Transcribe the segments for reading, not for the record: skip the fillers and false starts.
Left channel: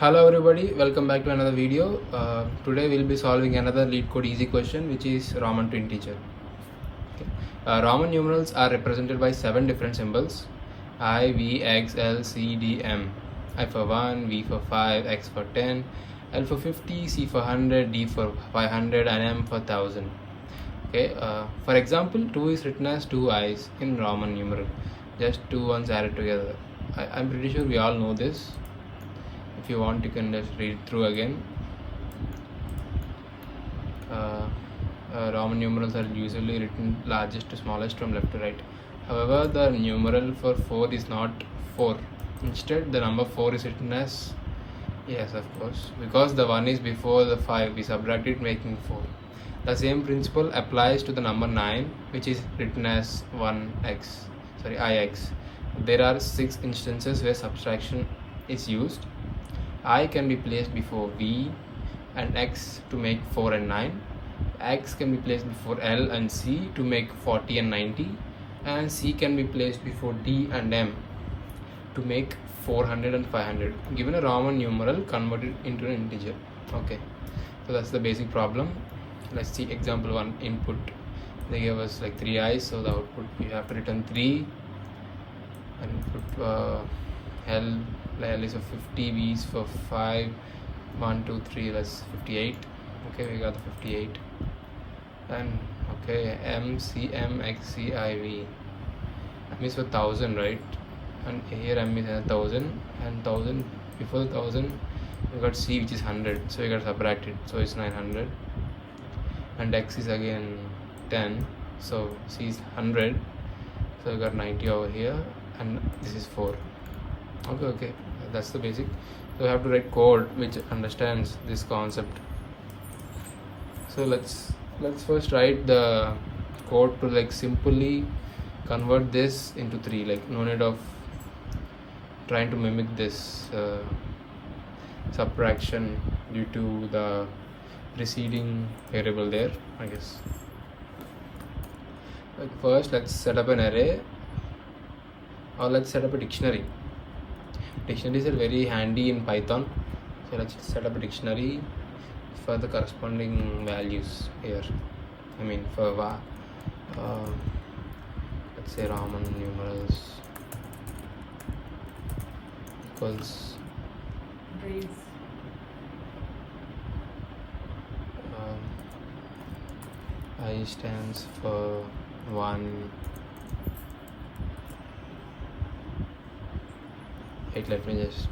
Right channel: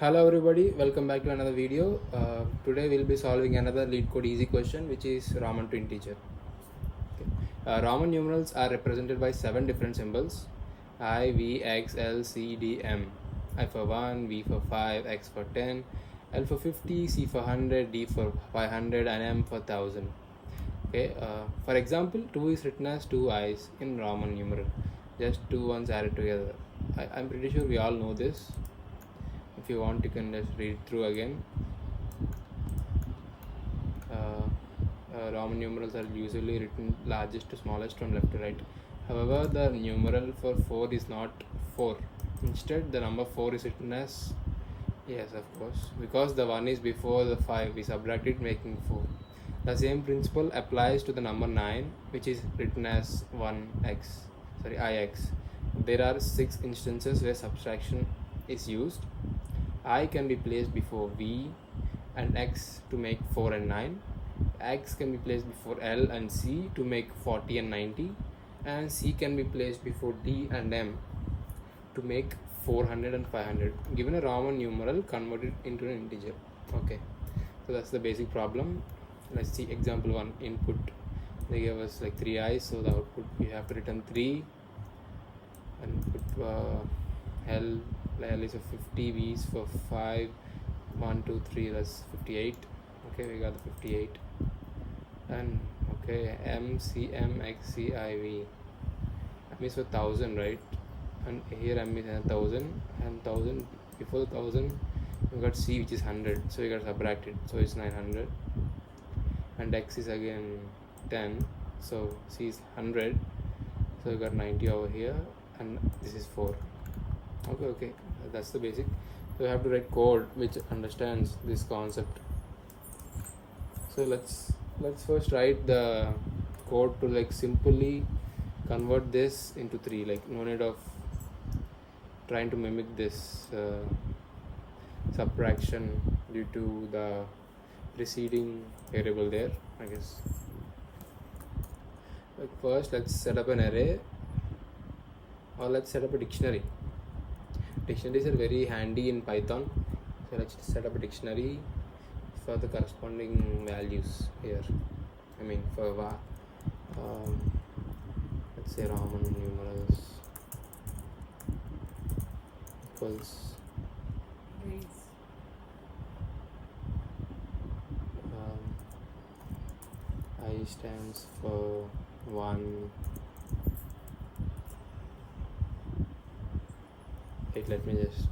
Hello everybody, welcome back to another video. Today we'll be solving another LeetCode easy question, which is Roman to integer. Okay. Roman numerals are represented by 7 different symbols: I, V, X, L, C, D, M. I for 1, V for 5, X for 10, L for 50, C for 100, D for 500 and M for 1000. Okay. For example, 2 is written as 2 I's in Roman numeral, just 2 ones added together. I'm pretty sure we all know this. If you want, you can just read it through again. Roman numerals are usually written largest to smallest from left to right. However, the numeral for 4 is not 4. Instead, the number 4 is written as, yes, of course, because the 1 is before the 5, we subtract it, making 4. The same principle applies to the number 9, which is written as ix. There are 6 instances where subtraction is used. I can be placed before V and X to make 4 and 9. X can be placed before L and C to make 40 and 90. And C can be placed before D and M to make 400 and 500. Given a Roman numeral, converted into an integer. Okay, so that's the basic problem. Let's see example 1. Input. They gave us like 3 I's, so the output you have to return 3 and put L is for 50, V is for 5, 1, 2, 3, that's 58. Okay, we got the 58. And okay, M, C, M, X, C, I, V. M is for 1000, right? And here M is 1000, and 1000, before 1000, we got C, which is 100, so we got subtracted, so it's 900. And X is again 10, so C is 100, so we got 90 over here, and this is 4. Okay, that's the basic. So we have to write code which understands this concept. So let's first write the code to like simply convert this into 3. Like no need of trying to mimic this subtraction due to the preceding variable there, I guess. Like first, let's set up an array, or let's set up a dictionary. Dictionaries are very handy in Python, so let's set up a dictionary for the corresponding values here. I mean for let's say Roman numerals equals I stands for 1. Let me just,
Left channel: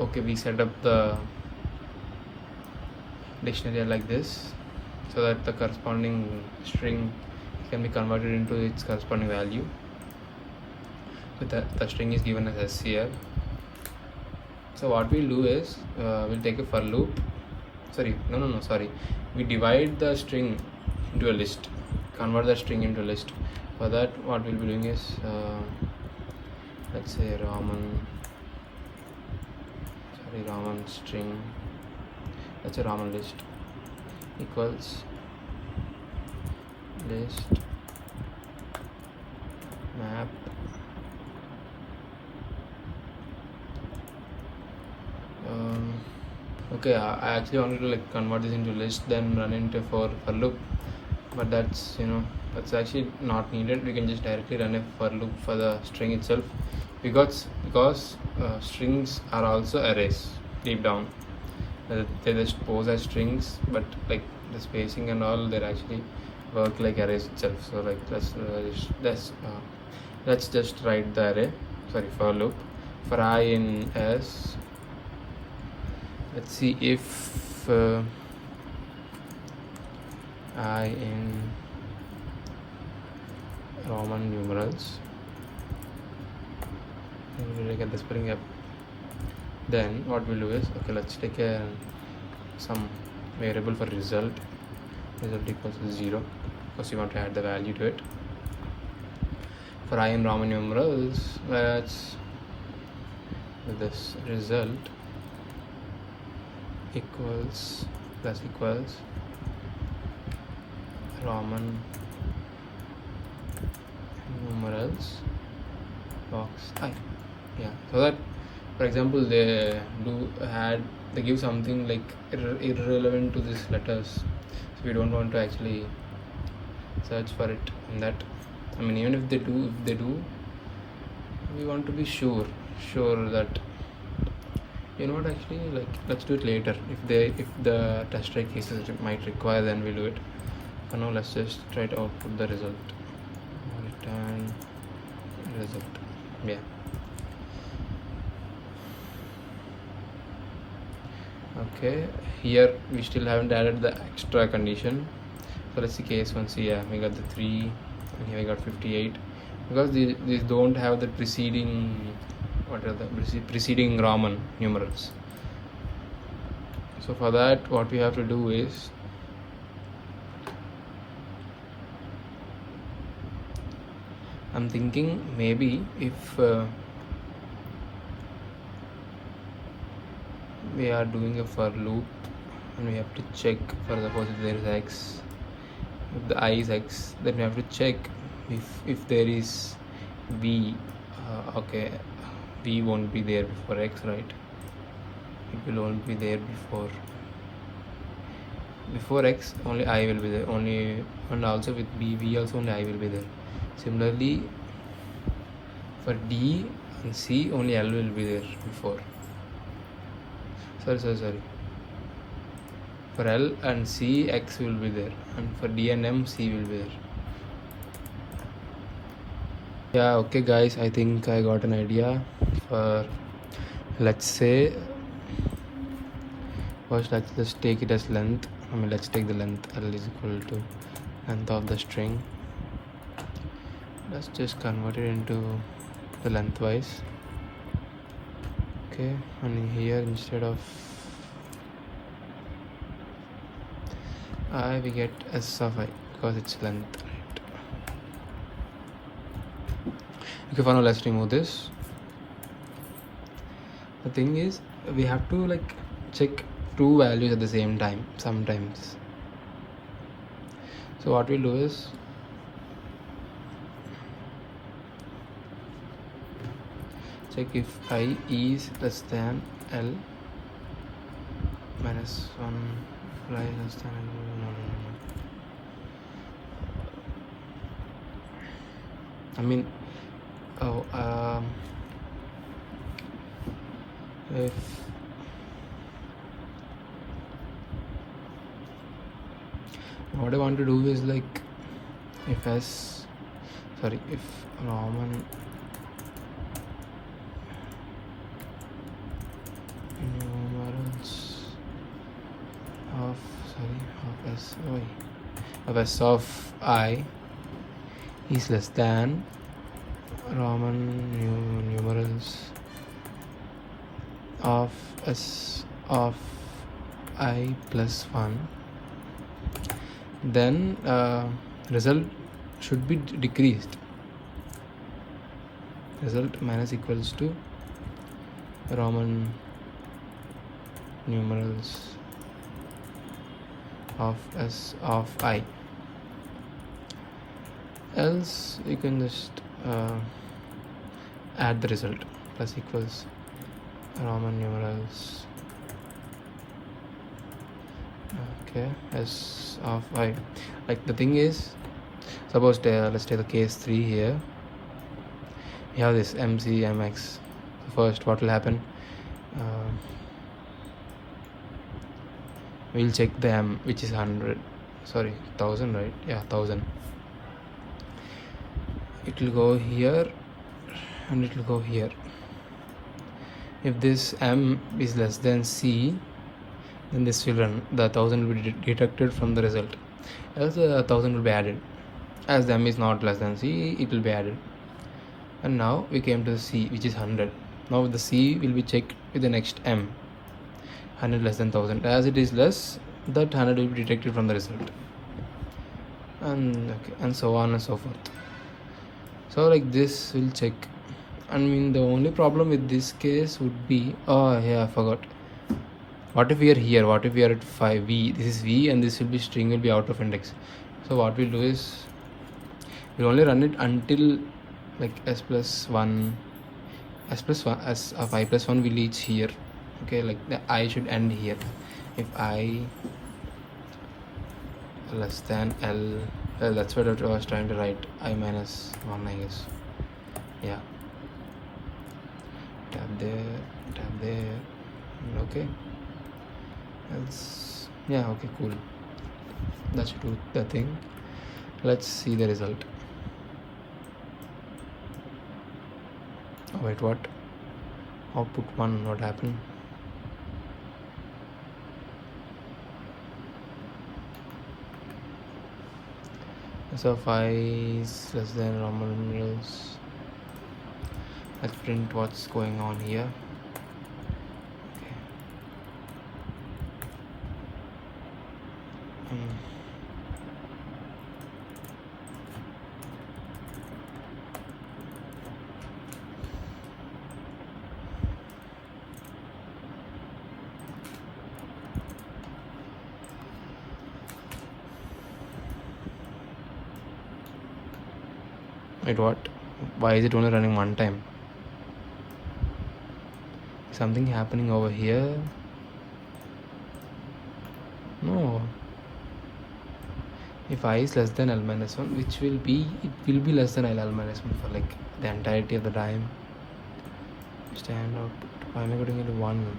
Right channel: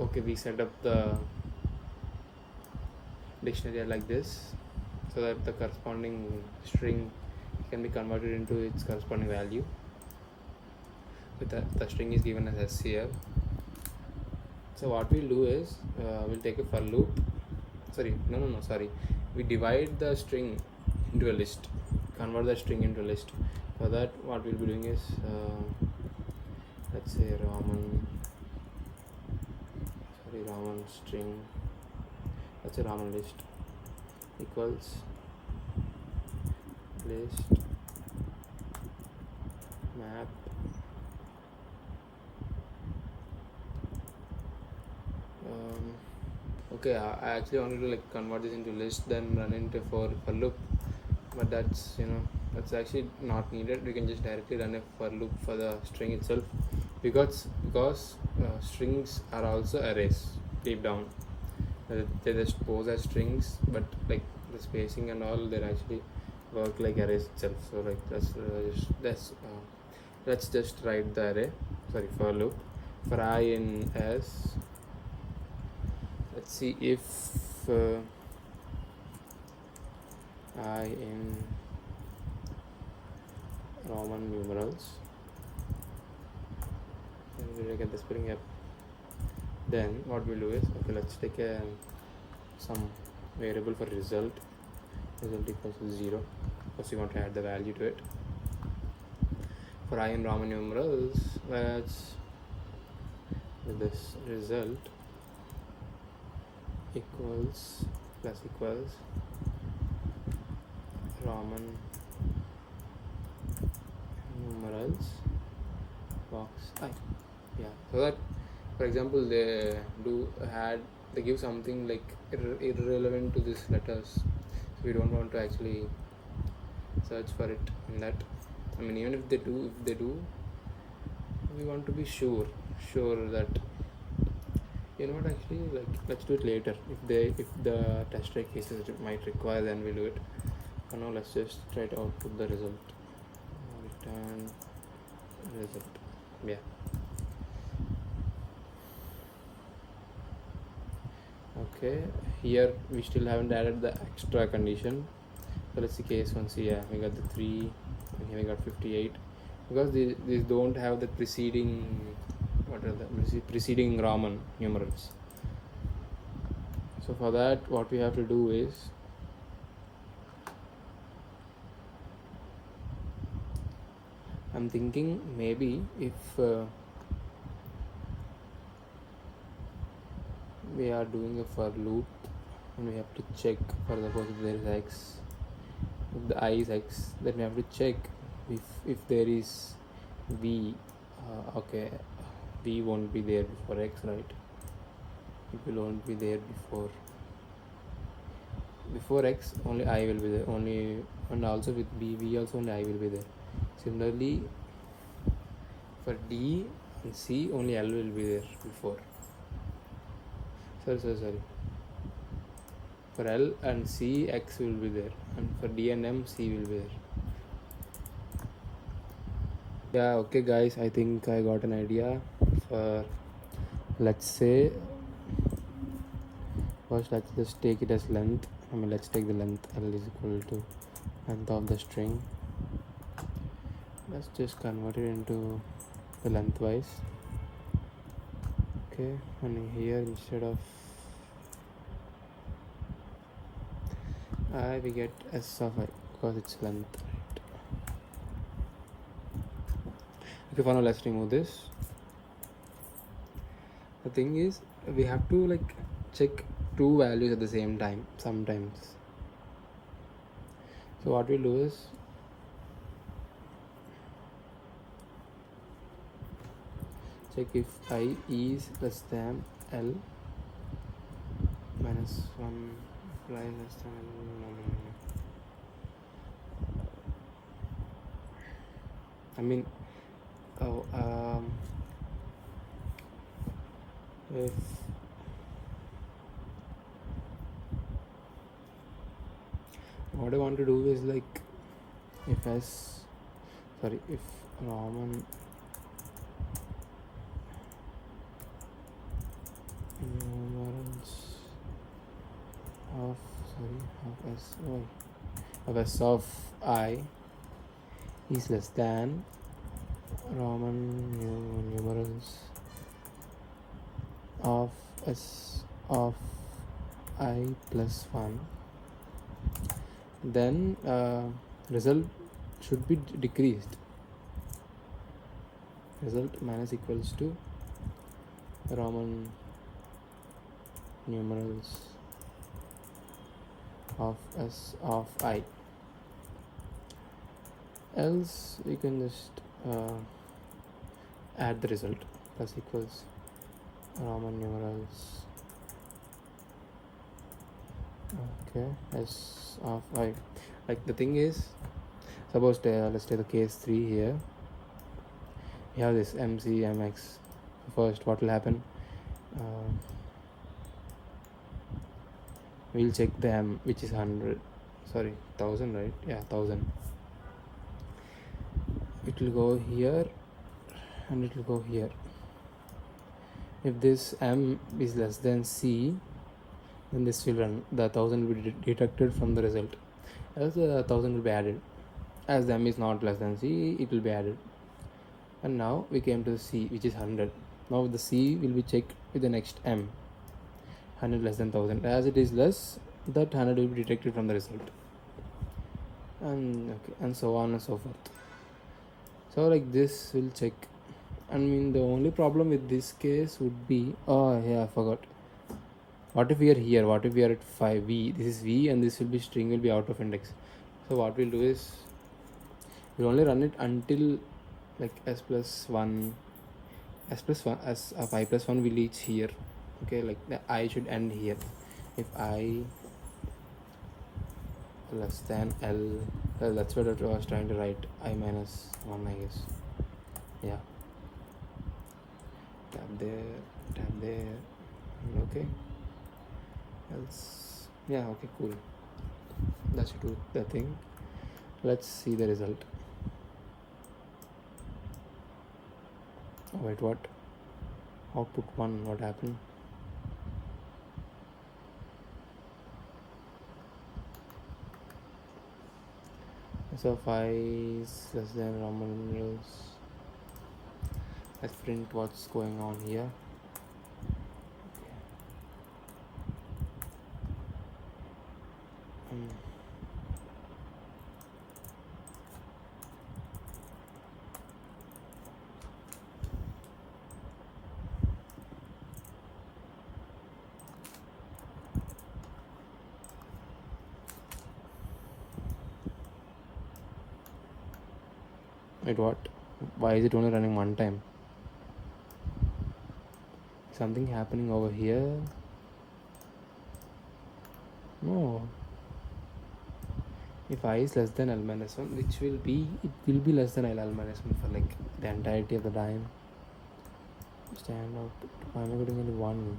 okay, we set up the dictionary like this, so that the corresponding string can be converted into its corresponding value. So the string is given as SCR. So what we'll do is we'll take a for loop. Sorry, we divide the string into a list, convert the string into a list. For that, what we'll be doing is let's say Roman string, that's a Roman list, equals list map okay, I actually wanted to like convert this into list, then run into for loop, but that's that's actually not needed. We can just directly run a for loop for the string itself, because strings are also arrays deep down. They just pose as strings, but like the spacing and all, they actually work like arrays itself. So like let's just write the array, for loop for I in S. Let's see if I in Roman numerals. We'll get the spelling up. Then what we'll do is, okay, let's take some variable for result equals 0, because you want to add the value to it. For I in Roman numerals, let's this result equals Roman numerals box I. Yeah, so that For example, they give something like irrelevant to these letters, so we don't want to actually search for it in that. I mean, even if they do, we want to be sure that, you know what, actually, like, let's do it later. If the test try cases might require, then we'll do it. For now, let's just try to output the result. Return result. Yeah. Okay, here we still haven't added the extra condition. So let's see case 1. See, yeah, we got the 3, and here we got 58, because these don't have the preceding Roman numerals. So for that, what we have to do is, I'm thinking maybe if we are doing a for loop and we have to check, for suppose if there is x, if the I is x, then we have to check if there is v. Okay, v won't be there before x, right? It will only be there before x, only I will be there, and also with v also only I will be there. Similarly, for D and C, only L will be there before. Sorry. For L and C, X will be there, and for D and M, C will be there. Yeah, okay guys, I think I got an idea. For, let's say, first let's just take it as length. I mean, let's take the length L is equal to length of the string. Let's just convert it into the lengthwise. Okay, and here instead of I, we get S of I, because it's length, right? Okay, for now let's remove this. The thing is, we have to like check two values at the same time sometimes. So what we'll do is, check if I is less than L minus 1, if I less than L. I mean, if what I want to do is like, if Roman numerals of S of I is less than Roman numerals of S of I plus 1, then result should be decreased. Result minus equals to Roman numerals of S of I. Else you can just add the result, plus equals Roman numerals, okay, S of I. Like, the thing is, suppose let's take the case 3 here. We have this MC MX. First, what will happen? We'll check the M, which is 1000, right? Yeah, 1000. It will go here and it will go here. If this M is less than C, then this will run. The 1000 will be deducted from the result. Else the 1000 will be added. As the M is not less than C, it will be added. And now we came to the C, which is 100. Now the C will be checked with the next M. 100 less than 1000. As it is less, that 100 will be deducted from the result. And so on and so forth. So like this will check. I mean, the only problem with this case would be, I forgot. What if we are here? What if we are at 5V? This is V and this will be string will be out of index. So what we'll do is, we'll only run it until like S plus 1, s plus 1 as of I plus 1 will reach here. Okay, like the I should end here. If I less than L, well, that's what I was trying to write, I minus 1, I guess. Yeah, tab there. Okay, that's, yeah, okay, cool. That should do the thing. Let's see the result. Oh, wait, what? Output 1, what happened? So 5 is less than normal numerals. Let's print what's going on here. Okay. Wait, what? Why is it only running one time? Something happening over here? No. If I is less than L minus 1, which will be, it will be less than L minus 1 for like the entirety of the time. Stand output. Why am I getting only 1?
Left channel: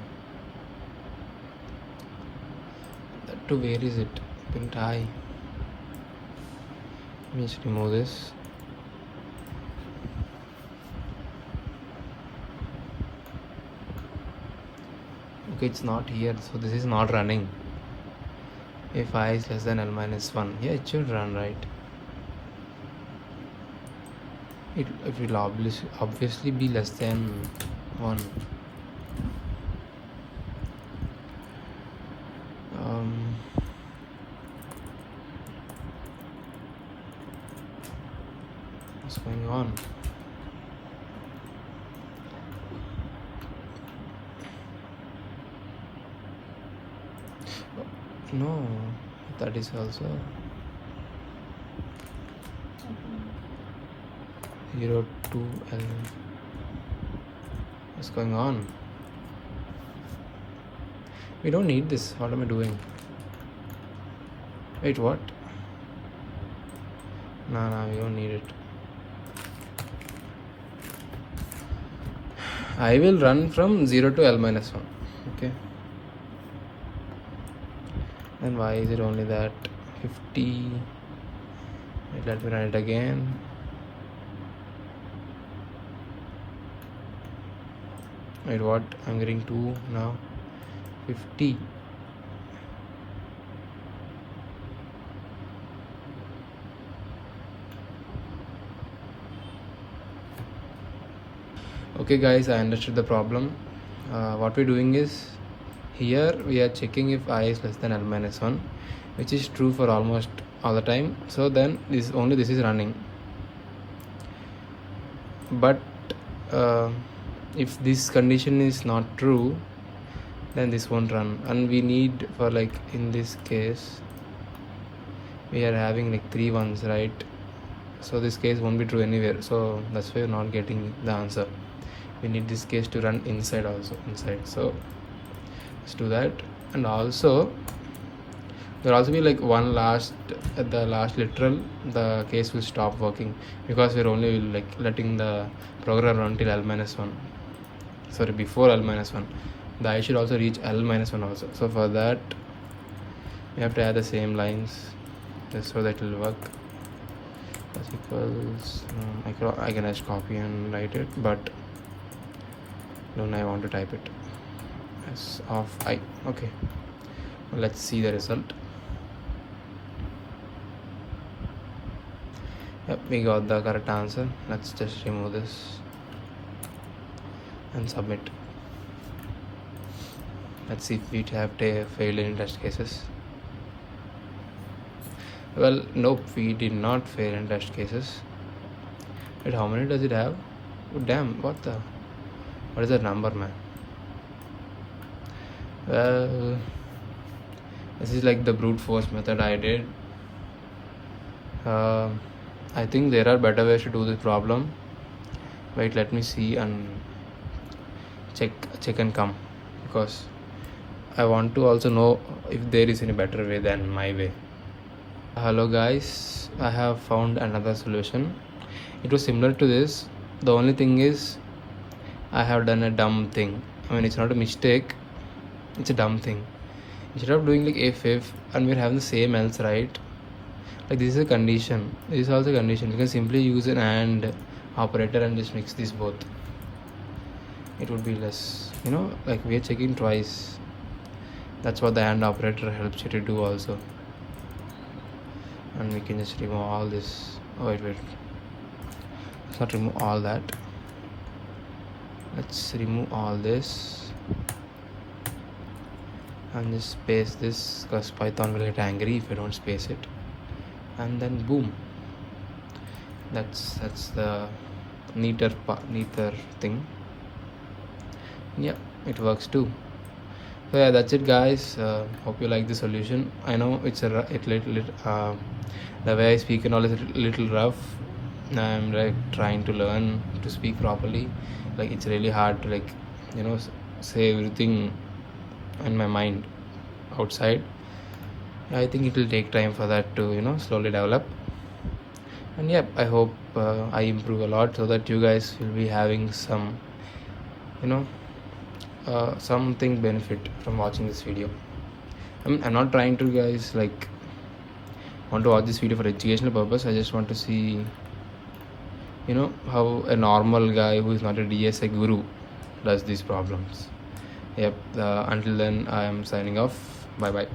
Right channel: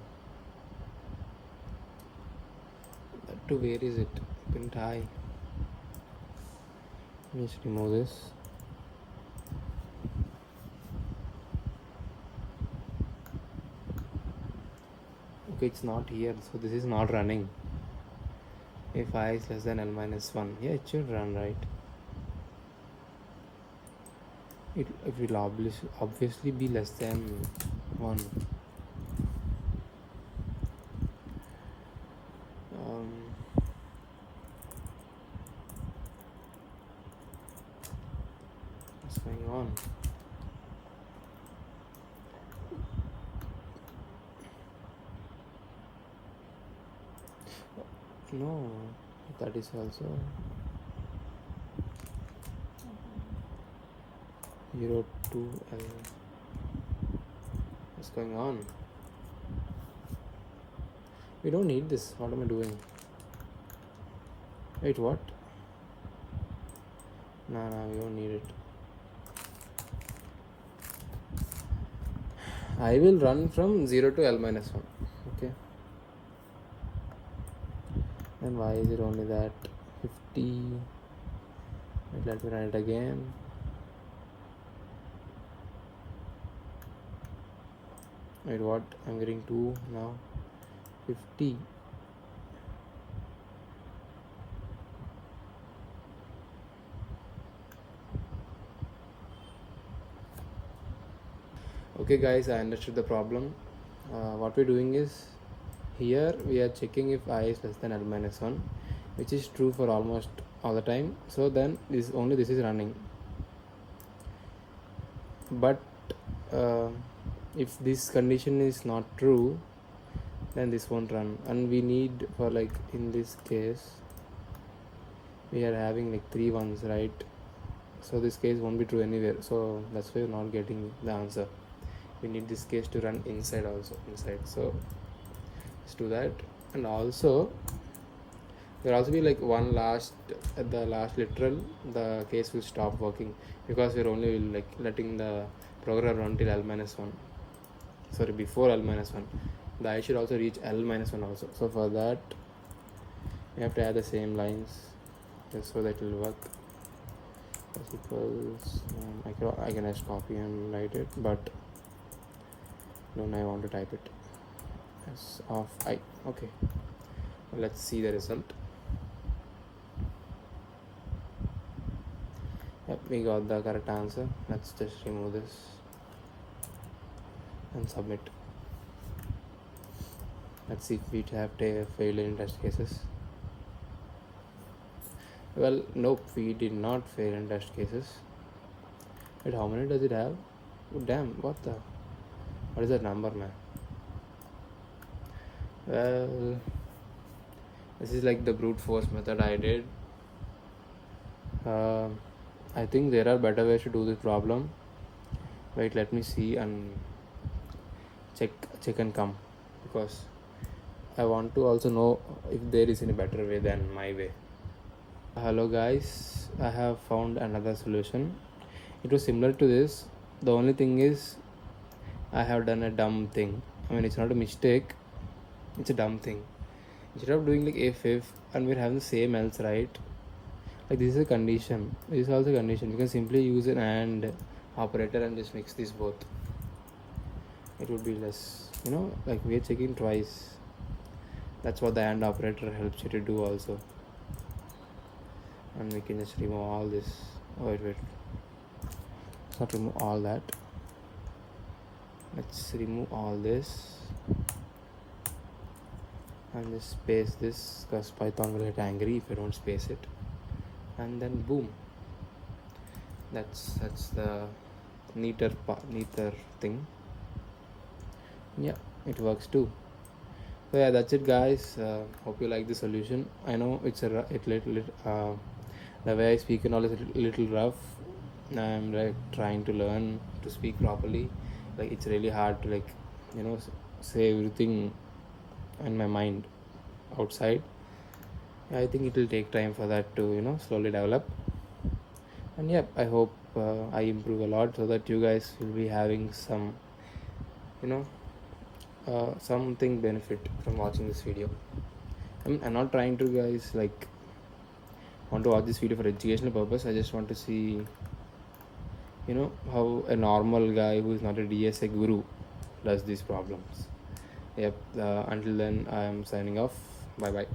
That too, where is it? Print I. Let me just remove this. Okay, it's not here, so this is not running. If I is less than L minus 1, yeah, it should run, right? It will obviously be less than 1. What's going on? No, that is also 0 to L. What's going on? We don't need this. What am I doing? Wait, what? No, we don't need it. I will run from 0 to L minus 1. Okay. Then why is it only that 50? Let me run it again. Wait, what? I'm getting 2 now. 50. Okay guys, I understood the problem. What we're doing is, here we are checking if I is less than L minus 1, which is true for almost all the time. So then this is running. But if this condition is not true, then this won't run. And we need, for like in this case, we are having like 3 ones, right? So this case won't be true anywhere. So that's why we're not getting the answer. We need this case to run inside also, so let's do that. And also there will also be like one last, at the last literal, the case will stop working, because we're only like letting the program run till L minus 1, sorry, before L minus 1. The I should also reach L minus 1 also. So for that we have to add the same lines just so that it will work. Plus equals, I can just copy and write it, but I want to type it as of I. Okay, let's see the result. Yep, we got the correct answer. Let's just remove this and submit. Let's see if we have failed in test cases. Well, nope, we did not fail in test cases. Wait, how many does it have? Oh, damn, what is that number, man? Well, this is like the brute force method I did. I think there are better ways to do this problem. Wait, let me see. And check and come, because I want to also know if there is any better way than my way. Hello guys, I have found another solution. It was similar to this. The only thing is I have done a dumb thing. I mean, it's not a mistake, it's a dumb thing. Instead of doing like if and we're having the same else, right? Like this is a condition, this is also a condition. You can simply use an AND operator and just mix these both. It would be less, like we are checking twice. That's what the AND operator helps you to do also. And we can just remove all this. Oh wait, let's not remove all that. Let's remove all this and just space this, because Python will get angry if you don't space it. And then boom, that's the neater thing. Yeah, it works too. So yeah, that's it guys. Hope you like the solution. I know it's the way I speak and all is a little rough. I'm like trying to learn to speak properly. Like it's really hard to say everything in my mind outside. I think it will take time for that to slowly develop. And yeah, I hope I improve a lot, so that you guys will be having some something benefit from watching this video. I mean, I'm not trying to guys want to watch this video for educational purpose. I just want to see how a normal guy who is not a DSA guru does these problems. Yep. Until then, I am signing off. Bye bye.